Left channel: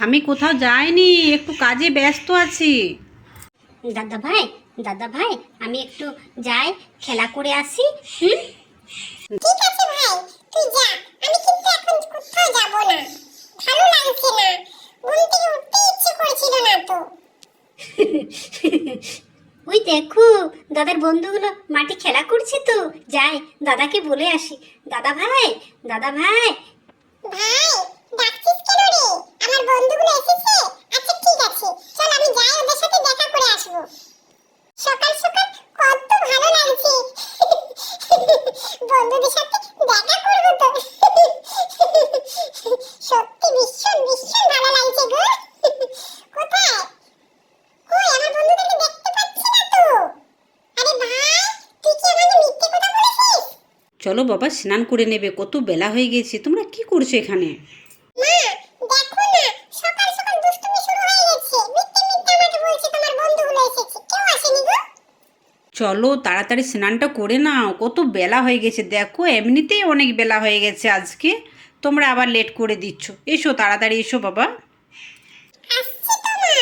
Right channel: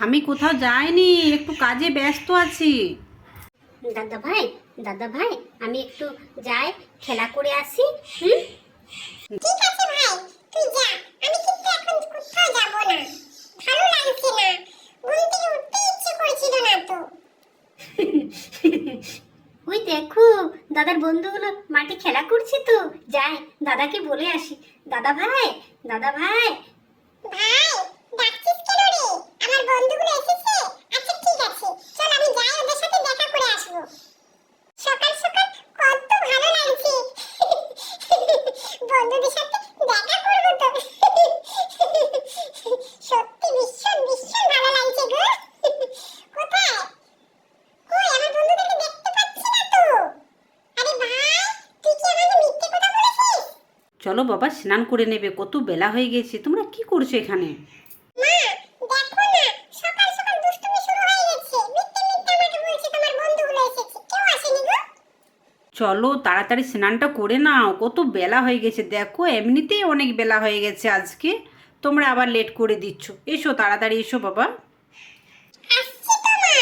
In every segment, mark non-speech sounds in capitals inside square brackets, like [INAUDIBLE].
আমি কোথাও যাইনি একটু কাজে ব্যস্ত আছি। দাদা ভাই দাদা ভাই আমি একটু যাই খেলা করে আসি হুম? ঠিক আছে ভাই তুই যা আমি কিন্তু এখন কোথাও যাব না। ভালো লাগছে না ঘুম থেকে উঠতে ইচ্ছে করছিল না তো। [LAUGHS] ওই দেখো দাদার বন্ধুগুলো মাটি খেলা করছে তো। যাই দাদাকে বলে আসি। দাদা ভাই দাদা ভাই ভাই ডাকছিস কেন রে আমার বন্ধুগুলো এসেছে আচ্ছা ঠিক আছে চল আমি যাই ওদের সাথে দেখা করে আসব সকাল সকাল কত ভালো লাগছে বন্ধুদের সাথে দেখা করব তো সত্যি ভীষণ ভীষণ ভালো লাগছে গো কোথায় কই আমার বন্ধুদেরকে দেখতে পাচ্ছি না তো আরে ভাই তুই কি আমাকে মিথ্যে কথা বলেছিস চলো বাবা স্নান করে নেবে কত বেলা হয়ে গেছে তোমরা কি করছ এখানে? চলো তাড়াতাড়ি স্নানটা করে নাও কত বেলা হয়ে গেছে দেখো এমনিতেই অনেক বেলা হয়ে গেছে আজকে। তোমরা আবার লেট করে দিচ্ছ। এসো তাড়াতাড়ি এসো বাবা আসছি তো মা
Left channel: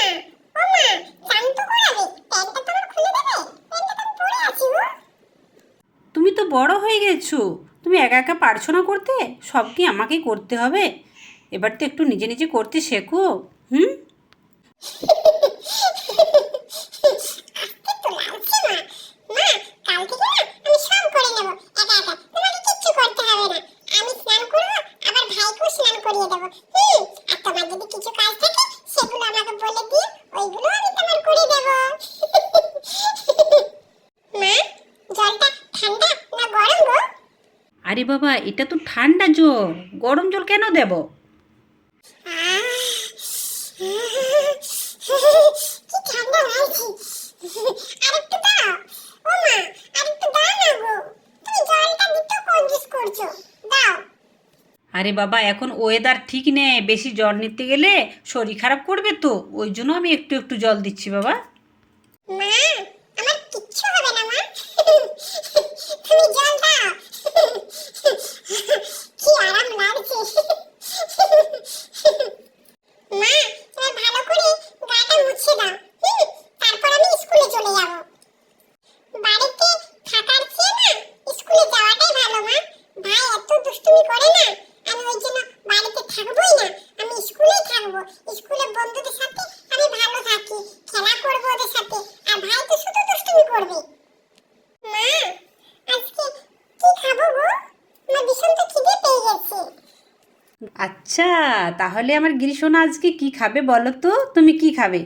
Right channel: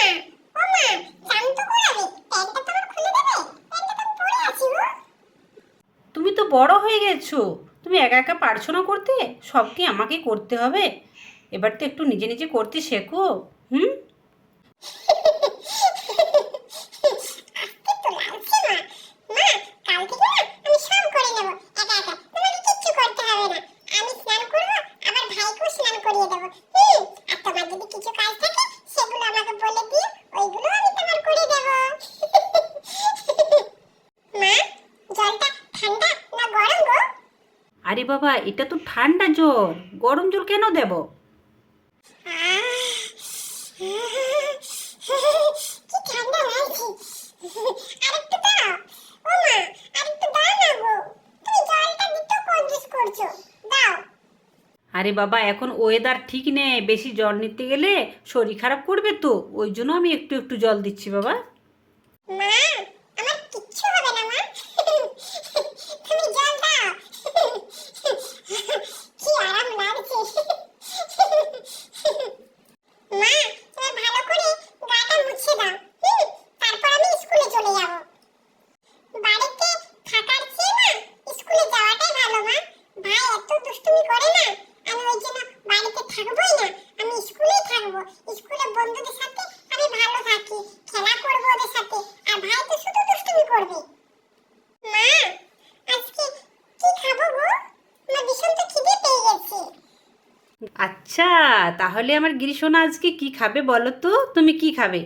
ও মা চান তো করাবে প্যান্টটা তোমার খুলে দেবে প্যান্টটা তো আমি পরে আছি গো তুমি তো বড় হয়ে গেছো। তুমি একা একা পারছ না করতে? সব কি আমাকে করতে হবে? এবার তো একটু নিজে নিজে করতে শেখো, হুম আসতে তো লাগছে মা মা কাল থেকে না আমি সব করে নেব একা একা তোমাকে কিচ্ছু করতে হবে না আমি স্নান করব আবার ভাইকেও স্নান করিয়ে দেবো হুম আর তোমার যদি কিছু কাজ থাকে সেগুলো আমাকে বলে দিও ওইগুলো আমি তোমার করে দেবো মা জলটা ঠান্ডা না গরম গো আরে বাবা, এটা তো ঠান্ডা জল। গরম জল কেন দেব? আরে বাবা, এখন ওয়েদার ঠিক নেই। বেশি জল নিতে গেলে শরীর খারাপ করবে তো। ওই জন্য আমি একটু একটু জল দিচ্ছি বাবা। মা, আমার কিচ্ছু হবে না মা তুমি জল দাও কি আরাম লাগছে মা তুমি ভালো করে গাটা মুছে দাও হুম, তারপর আমি স্কুলে চলে যাব বাড়িতে থাকার চেয়ে না স্কুলে যাওয়াটাই ভালো মা ভাই এত দুষ্টুমি করে না আমি ওই জন্য বাড়িতে থাকবোই না আমি স্কুলেই থাকব স্কুলে বন্ধুদের সাথে আমি ভালো থাকি খেলা করব ওদের সাথে আর ভাই তো শুধু দুষ্টুমি করবে মা আজকে কি খাব গো আমার ভীষণ তো খিদে পেয়ে গেছে আচ্ছা তাহলে আমার গিরিশোনা আজকে কি খাবে বলো তো? তুমি কি খাবে?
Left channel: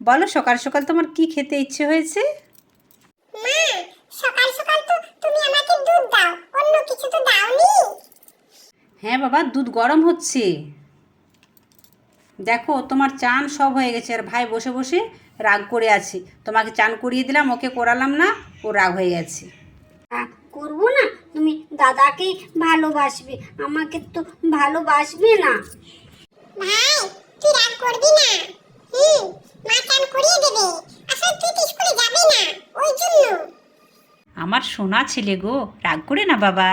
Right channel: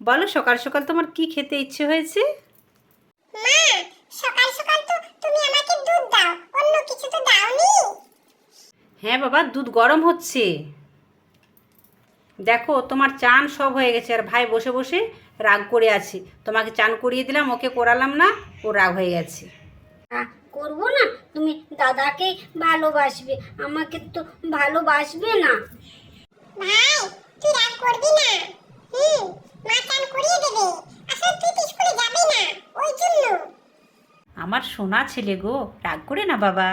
বলো সকাল সকাল তোমার কি খেতে ইচ্ছে হয়েছে? মা সকাল সকাল তো তুমি আমাকে দুধ দাও অন্য কিছু তো দাওনি। হ্যাঁ বাবা দুধ গরম হচ্ছে। দেখো তোমার চান সব হয়ে গেছে আর ভাই বসে বসে রাগ করে আছে। তোমাকে চান করিয়ে দিলাম ওকে করালাম না ও রাগ হয়ে গেছে। করব না? তুমি দাদাকে ভালোবাসবে। আমাকে তো ভালোবাসবে না। ভাই তুই রাগ করবি না। হুম মা চান করিয়ে দেবে। আসলে তুই তো স্কুলে যাবি না ওই জন্য। আমার সোনা ছেলে গো রাগ করে না বাবা।